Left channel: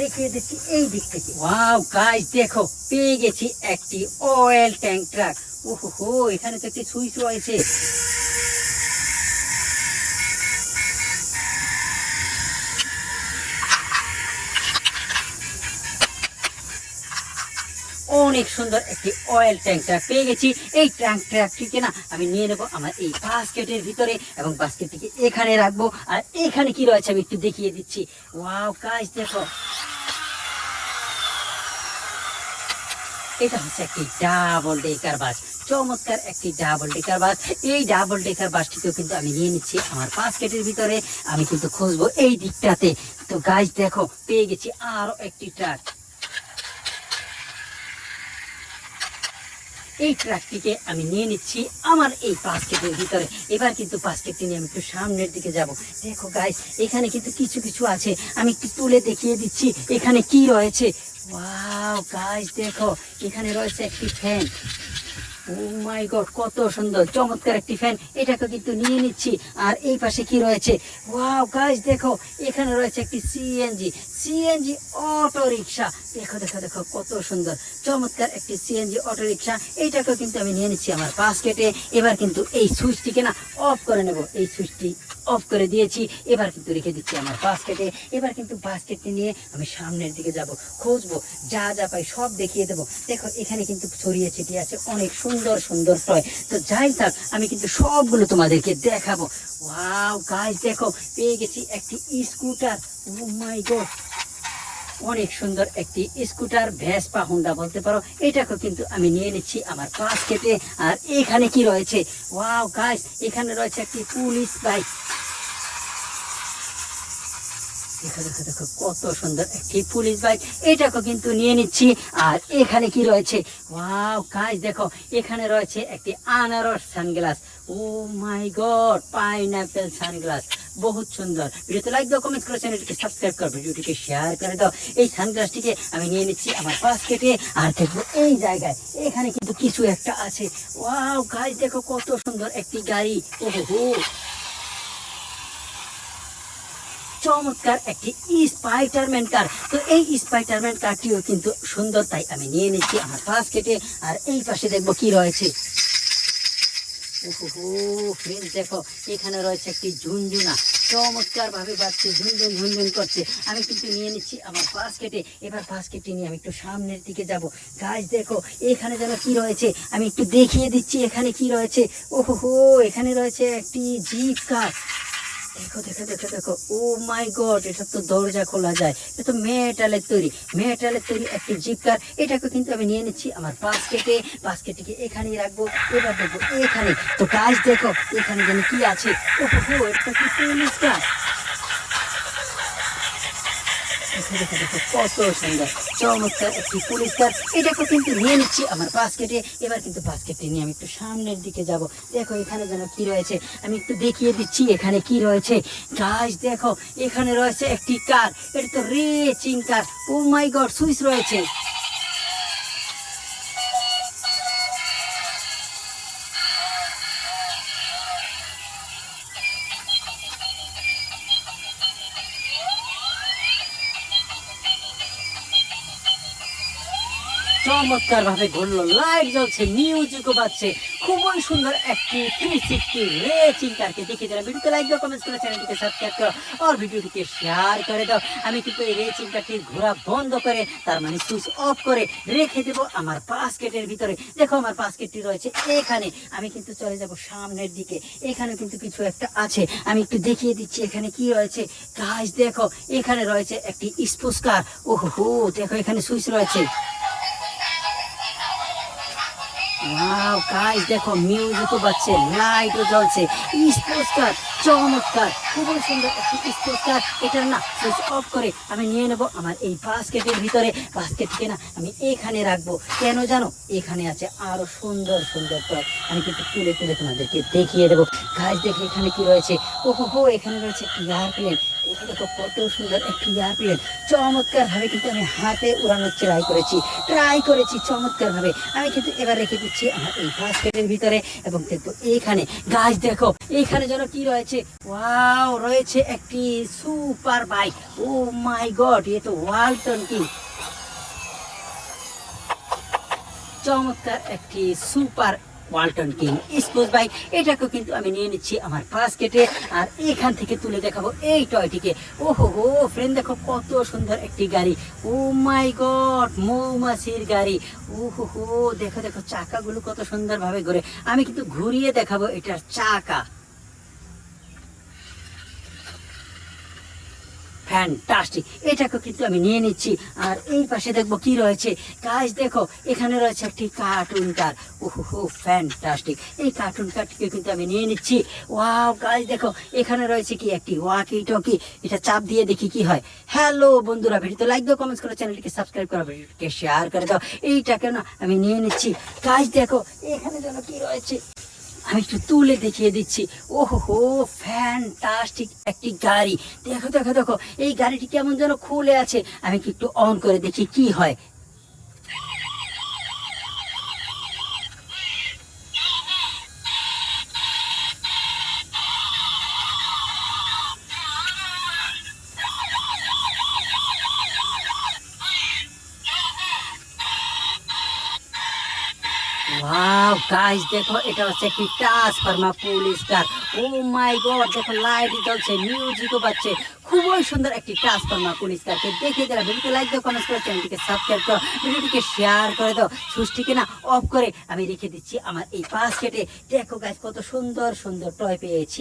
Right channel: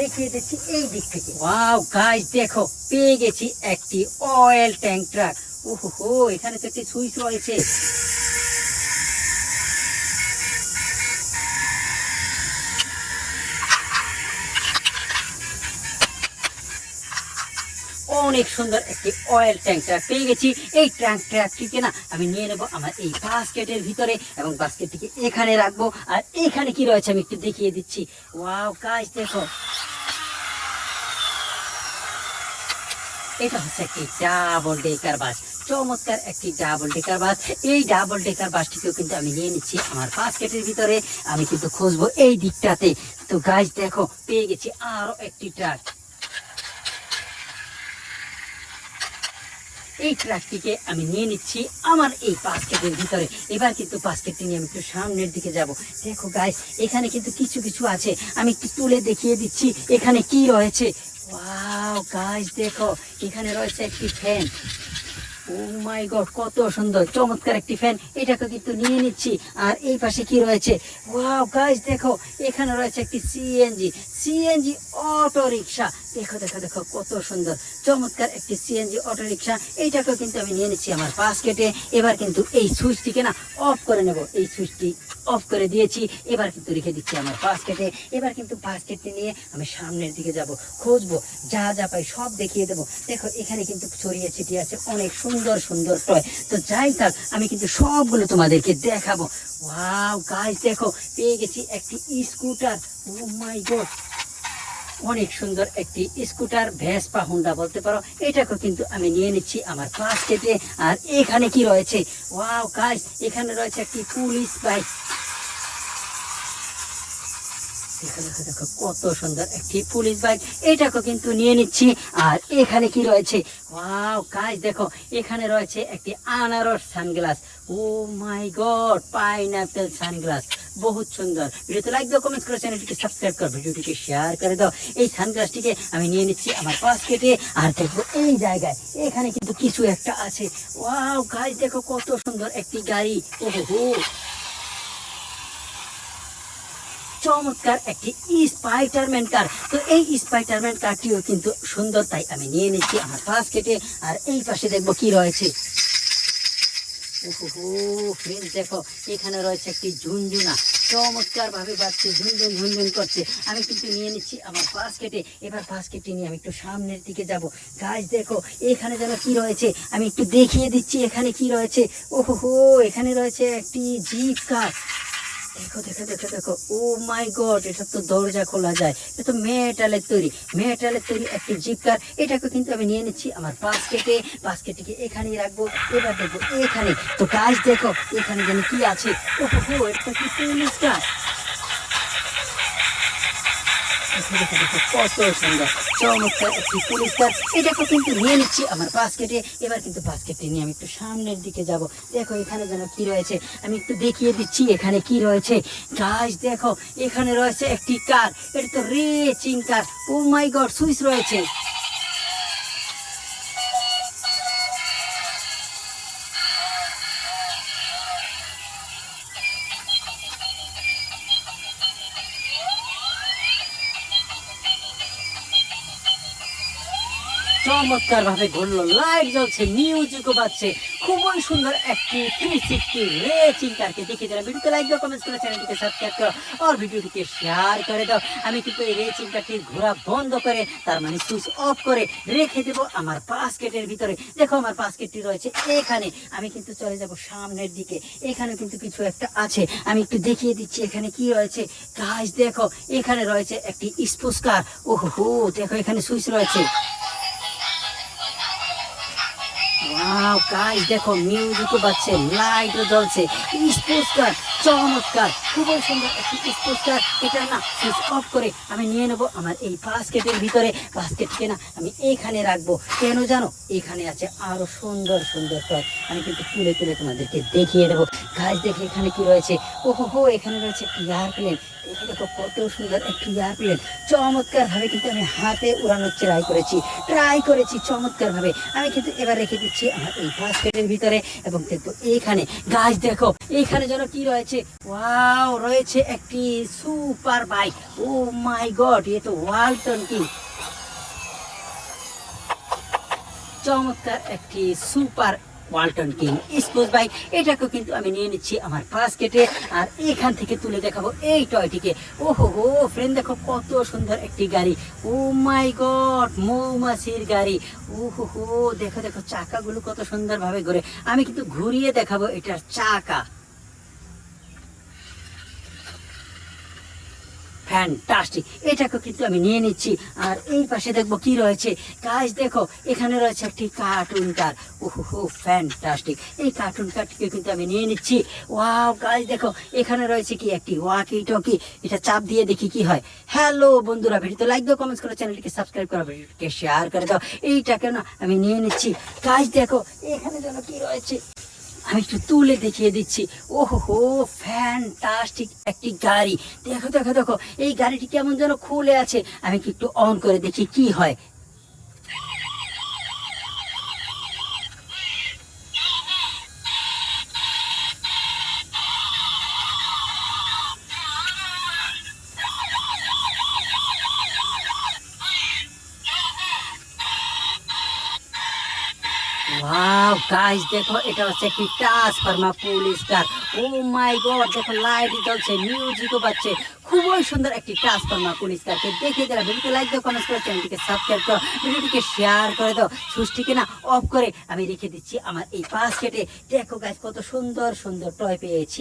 দেখিয়ে দিচ্ছি এই দিক থেকে। ওয়াও গাইস দেখো, পেয়ে গেছি একটি অয়েল ট্যাঙ্ক ট্রাক। ওহো, এখানে তো একটি সুইচ রয়েছে। অনেক সুন্দর একটি অয়েল ট্যাঙ্ক পেয়ে গেছি। এই ট্যাঙ্কটিকে না আমি নিয়ে নেবো আমার এই বাস্কেটের ভিতরে, এবং বাস্কেটটিকে এখানে রাখবো। আর এখানে কি রয়েছে আমি একটু দেখিয়ে দিচ্ছি। ওয়াও গাইস দেখো, এটা হচ্ছে একটি ডাবল ডেকার বাস। চমৎকার একটি ডাবল ডেকার বাস। এই ডাবল ডেকার বাসটিকেও কিন্তু আমি নিয়ে নিচ্ছি আমার বাস্কেটের ভিতরে। আমি কিন্তু খুঁজবো এই দিকটাতে। তো গাইস দেখো, পেয়ে গেছি আরো একটি ট্রাক। এই ট্রাকটিকে আমি নিয়ে নিচ্ছি আমার এই বাস্কেটের ভিতরে। এবার কিন্তু বাস্কেটটি নিয়ে আমি একটু সামনের দিকে যাব। দেখো গাইস, এখানে কিন্তু কিছু কিছু আছে, আমি একটু তুলে দেখিয়ে দিচ্ছি এখানে কি রয়েছে। ওয়াও গাইস দেখো, এখানে রয়েছে একটি ফ্যান। ও মাই গড, কত সুন্দর চমৎকার একটি ফ্যান। এটাকে কিন্তু নিয়ে নিচ্ছি। আর এই পাশে কি রয়েছে? ওয়াও গাইস দেখো, এখানে রয়েছে একটি সিএনজি অটো রিকশা। দেখো দেখো দেখো, কত সুন্দর চমৎকার একটি সিএনজি অটো রিকশা। এইটাকে কিন্তু আমি নিয়ে নিচ্ছি আমার বাস্কেটে। এবার কিন্তু এই সুইচটিকে না অফ করে নেব। এই সুইচটি অফ করে দিয়েছি। এবার কিন্তু রেখে দিচ্ছি আমার বাস্কেটে। এবার কিন্তু বাস্কেটটি নিয়ে আমি সামনের দিকে যাব, খুঁজবো, যা যা পাই সব দেখিয়ে দেবো। দেখো এখানে কিন্তু ছড়িয়ে ছিটিয়ে আছে অনেক সুন্দর সুন্দর টয়। তো যাই থাক, আমি কিন্তু সবগুলো তোমাদেরকে দেখাবো। ওয়াও গাইস দেখো, পেয়ে গেছি একটি স্কুটার। ও মাই গড, অনেক সুন্দর একটি স্কুটার, ভেসপা হোন্ডা বলতে পারো। এটাকে কিন্তু আমি নিয়ে নিচ্ছি আমার বাস্কেটে। আর এখানে কি রয়েছে? ওয়াও গাইস, এখানে রয়েছে একটি পুলিশ বাইক। দেখো দেখো দেখো, কত সুন্দর একটি পুলিশ বাইক। এটাকে কিন্তু নিয়ে নিচ্ছি। আর এখানে কি রয়েছে? ওয়াও গাইস দেখো, এখানে রয়েছে একটি আনারস সানগ্লাস। ও মাই গড, পাইনাপেল সানগ্লাস, বহুত সুন্দর। ভিডিওতে লাইক দাও, কমেন্ট করো, চ্যানেলটিকে সাবস্ক্রাইব করো, ভিডিওটিকে শেয়ার করে দাও। এই সানগ্লাসটিকে আমি নিয়ে নিচ্ছি আমার বাস্কেটে। আর দেখবো এই জায়গায় এখানে কিন্তু কিছু একটা আছে। ওয়াও গাইস দেখো, কত সুন্দর একটি গাড়ি। ওহো, চমৎকার একটি স্পাইডারম্যান কার। তো এই স্পাইডারম্যান কারটিও কিন্তু সুন্দর, তাই আমি নিয়ে নিচ্ছি আমার বাস্কেটে। আর এই পাশে দেখবো কি রয়েছে। ওহো ফ্রেন্ডস দেখো, এখানে রয়েছে একটি ঝুনঝুনা, চমৎকার ভাবে বাজছে, ঝুনঝুন ঝুনঝুন করছে। আমি কিন্তু নিয়ে নিচ্ছি আমার বাস্কেটে। এবার বাস্কেটটি নিয়ে আমি একটু সামনের দিকে যাব। গাইস দেখো, এখানে যেন কি রয়েছে আমি একটু দেখিয়ে দিচ্ছি এখানে কি রয়েছে। ওহো, এখানে রয়েছে একটি জিপ কার। দেখো দেখো দেখো দেখো, ও মাই গড, এটা তো দরজা খোলা যায়। এটা তো মেটালের তৈরি একটি জিপ কার। এটাকে কিন্তু আমি নিয়ে নিচ্ছি আমার বাস্কেটে। বাস্কেটটিকে এখানেই রাখবো। এবার দেখবো এখানে। তো গাইস দেখো, এখানে যেন কি আছে। ওহো, এটা তো কি পুলিশ কার। দেখো দেখো, কত সুন্দর চমৎকার একটি পুলিশ কার। এটাকে কিন্তু নিয়ে নিচ্ছি আমার বাস্কেটে। এবার কিন্তু বাস্কেটে নিয়ে আমি একটু সামনের দিকে যাব। দেখো এখানে যেন কি রয়েছে, আমি একটু দেখিয়ে দিচ্ছি এখানে কি রয়েছে। গাইস দেখো, এখানে রয়েছে একটি কার। এটা তো রেসিং কার। ও মাই গড, সুইচ রয়েছে। চমৎকার ভাবে ঘুরলো, লাইট জ্বলছে, মিউজিকও বাজছে। খুবই সুন্দর একটি 360 রেসিং কারকে দেখে দিলাম। ভিডিওতে লাইক দাও, কমেন্ট করো, চ্যানেলটিকে সাবস্ক্রাইব করো, আর ভিডিওটিকে শেয়ার করে দাও। আমি কিন্তু এই রেসিং কারটির ঘোরা বন্ধ করে, তার মানে সুইচ অফ করে রেখে দেবো আমার বাস্কেটের ভিতরে। দেখো আমার বাস্কেটটি রয়েছে এখানে। আমি কিন্তু চলে যাব সামনের দিকে। এখানে কিন্তু কিছু একটা আছে, আমি একটু দেখিয়ে দিচ্ছি এখানে কি রয়েছে। গাইস দেখো, এখানে রয়েছে একটি স্পোর্টস কার। ওহো দেখো, এখানে সুইচ রয়েছে। ওয়াও গাইস দেখো, মিউজিকও বাজছে, লাইটও জ্বলছে, স্পোর্টস কার, চমৎকার, খুবই সুন্দর একটি স্পোর্টস কার। এটা না সুইচ অফ করে আমি নিয়ে নেব আমার এই বাস্কেটের ভিতরে। বাস্কেটকে না আমি এখানে রাখবো। কেন জানো? এখানে আছে আরো সুন্দর সুন্দর টয়। আমি কিন্তু তুলে তুলে তোমাদেরকে দেখিয়ে দেবো। গাইস দেখে এখানে কি রয়েছে। ওহো, এখানে রয়েছে একটি এয়ারপ্লেন। দেখে দেখো, কত সুন্দর একটি এয়ারপ্লেন। চমৎকার ভাবে কিন্তু আমি হাতে উড়ানোর ট্রাই করেছি চমৎকার ভাবে। আমি কিন্তু এবার রেখে দিচ্ছি আমার এই বাস্কেটের ভিতরে এবং দেখবো এখানে গাছ দেখো এখানে যেন কি রয়েছে, ওয়াও রয়েছে একটি সুপার বাইক। ও মাই গড, এ তো ওয়ালটন কি চমৎকার একটি super Walton king sports bike. এটাকে কিন্তু আমি নিয়ে নিচ্ছি আমার বাস্কেটে আর এখান থেকে তুলে দেখাবো এই টয়টিকে। ওহো হো ফ্রেন্ড, দেখো কত সুন্দর একটি গাড়ি। ও মাই গড, মৌমাছির গাড়ি। ওহো হো দেখো দেখো চাকাগুলো কত সুন্দরভাবে ঘুরে। আমি কিন্তু ঘুরিয়ে দেখাবো এটার চাকা। ফ্যান্টাস্টিক, এটাকে কিন্তু আমি নিয়ে নিচ্ছি। আর এই পাশে দেখবো কি রয়েছে গাইস, দেখো এখানে রয়েছে একটি কার্টুন কার। ওহো ফ্যান্টাস্টিক, এই কার্টুন কারটিকে কিন্তু আমি নিয়ে নিচ্ছি। ওয়াও গাইস দেখো এখানে রয়েছে কি একটি ওয়াকি টকি। এটা চাপ দিয়ে দেখি কি হয়। হ্যালো বন্ধুরা, ভিডিওতে লাইক দাও, কমেন্টস করো, চ্যানেলটিকে সাবস্ক্রাইব করো, ভিডিওটিকে শেয়ার করে দাও। এইটাকে না আমি নিয়ে নিচ্ছি। গাইস দেখো এখানে যেন কি রয়েছে, আমি একটু তুলে দেখিয়ে দিচ্ছি। ওহো ফ্যান্টাস্টিক একটি গাড়ি। দেখো দেখো দেখো এই গাড়িটি কেমন যেন খুলে আছে। আমি কি একটু অন করে দেখি কি হয়। ওয়াও গাইস দেখো এটা হচ্ছে একটি ট্রান্সফর্মার পুলিশ কার। ও মাই গড, দেখো লাইট জ্বলছে, মিউজিকও বাজছে। খুবই সুন্দর একটি ট্রান্সফর্মার পুলিশ কারকে দেখে যারা ভিডিওতে লাইক দাও, কমেন্ট করো, চ্যানেলটিকে সাবস্ক্রাইব করো, ভিডিওটিকে শেয়ার করে দাও। সুইচটিকে না অফ করে আমি রেখে দিচ্ছি আমার এই বাস্কেটে। দেখো গাইস কত সুন্দর সুন্দর টয় পেয়েছি।